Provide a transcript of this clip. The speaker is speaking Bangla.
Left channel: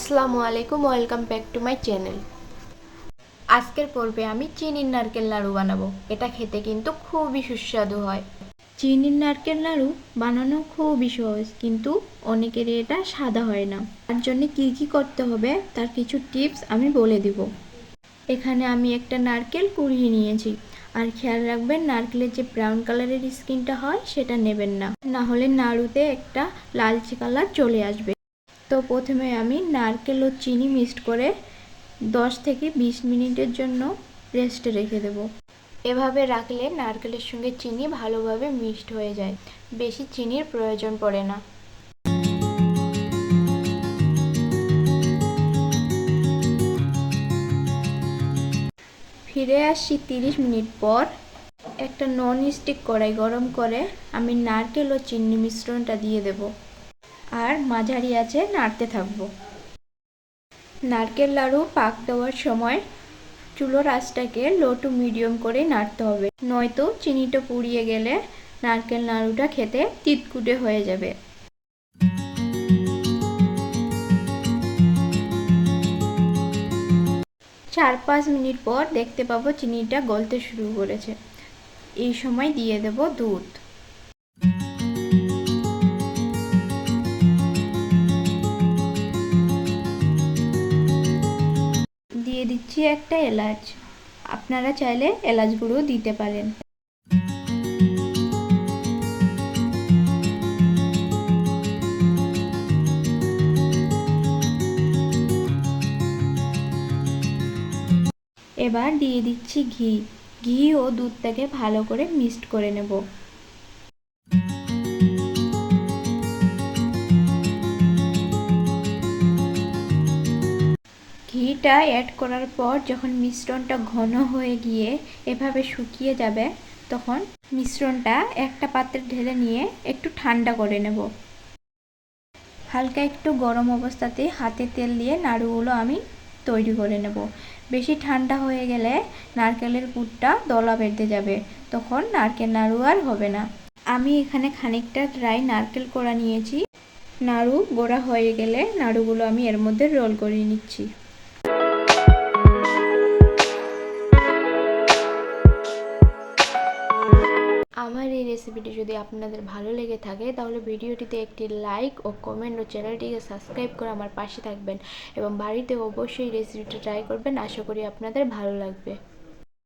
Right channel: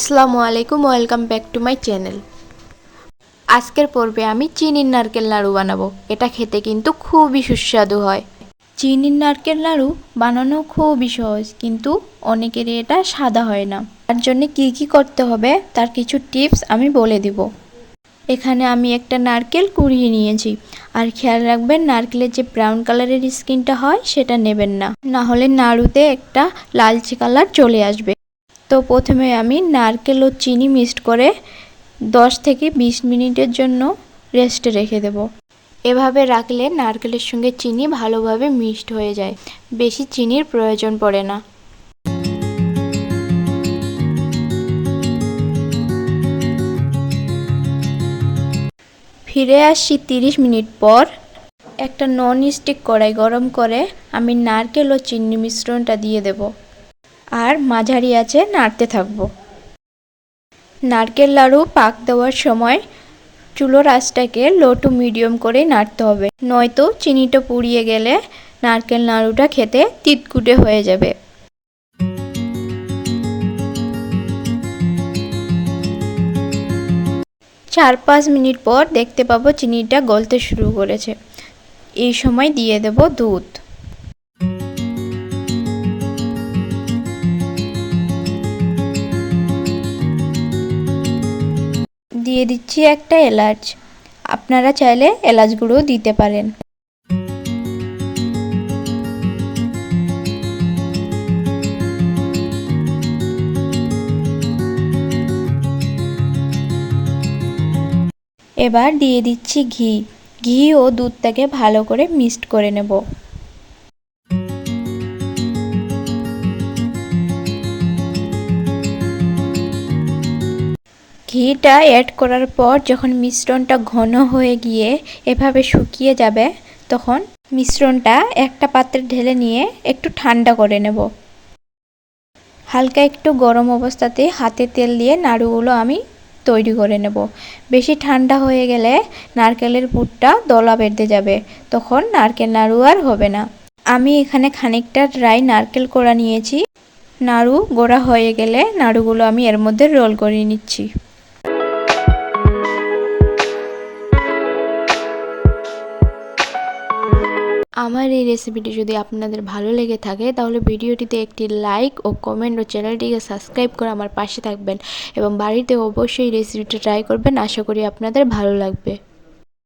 আসসালামু আলাইকুম, welcome back to my channel. আজকের পর্বে আমি চিনির নারকেল নাড়ু বানাবো। এটা খেতে কিন্তু খুবই সুস্বাদু হয়। চিনির নারকেল নাড়ু বানানো খুবই সহজ, কিন্তু অনেকেরই এটা সাদা হয় না। তার জন্য কী কী করতে হবে তার কিছু টিপস আমি বলে দিব। এখানে আমি একটা নারকেল কুড়িয়ে নিয়েছি। আর খেয়াল রাখবেন, নারকেলের যে ব্রাউন কালারের স্কিনটা হয় সেটা নেবেন না, না হলে নাড়ুতে একটা লালচে কালার চলে আসবে। তো প্রথমে আমি নারকেল ও চিনি মিক্সড করে 10 থেকে 20 মিনিটের জন্য রেস্টে রেখে দেব। এভাবে রাখলে নারকেলের সঙ্গে চিনি ভালোভাবে মিক্সড হয়ে যায়, বেশি চিনির প্রয়োজন পড়ে না। ফিরে আসছি 30 মিনিট পর। একটা নন স্টিক কড়াই গরম করে আমি নারকেল ও চিনি মিশ্রণটা দিয়ে দেব আর মাঝারি আঁচে নাড়তে থাকবো। নারকেল নাড়ু পাক দেওয়ার সময় চুলোর আঁচটাকে লো টু মিডিয়াম করে নাড়তে হবে, নয়তো চিনিটা পুড়িয়ে গেলে নারকেল নাড়ুটা খেতে তিতকুটে হয়ে যাবে। চার 5 মিনিট পর দেখতে পাবো চিনিটা গলতে শুরু করেছে। এই সময় দিয়ে দেব দুধ। দিয়ে দিচ্ছি একটা এলাচ, আপনারা চাইলে এলাচ গুঁড়ো দিতে পারেন। এবার দিয়ে দিচ্ছি ঘি। ঘি ও দুধটাকে ভালো করে মিক্সড করে নেব। ঘিটা অ্যাড করার পর যখন মিশ্রণটা ঘন হয়ে গিয়ে এভাবে শুকিয়ে যাবে, তখন মিশ্রণটা একটা পাত্রে ঢেলে নিয়ে একটু ঠান্ডা করে নেব। হালকা একটু গরম অবস্থাতে হাতে তেল দিয়ে নাড়ুগুলো আমি তৈরি করে নেব। বেশি ঠান্ডা হয়ে গেলে নারকেলের পুরটা দলা বেঁধে যাবে, তখন নারকেল নাড়ু আর হবে না। আমি এখানে খানিকটা ড্রাই নারকেল কোড়া নিয়েছি। নাড়ু গোড়া হয়ে গেলে নাড়ুগুলো আমি এর মধ্যে রোল করে নিচ্ছি। আমার এই রেসিপিটি যদি আপনাদের ভালো লেগে থাকে তাহলে ভিডিওটিতে একটি লাইক ও কমেন্ট ও চ্যানেলটিকে সাবস্ক্রাইব করে আমার পাশে থাকবেন এবং বাড়িতে অবশ্যই রেসিপিটা ট্রাই করবেন। আশা করি আপনাদের ভালো লাগবে।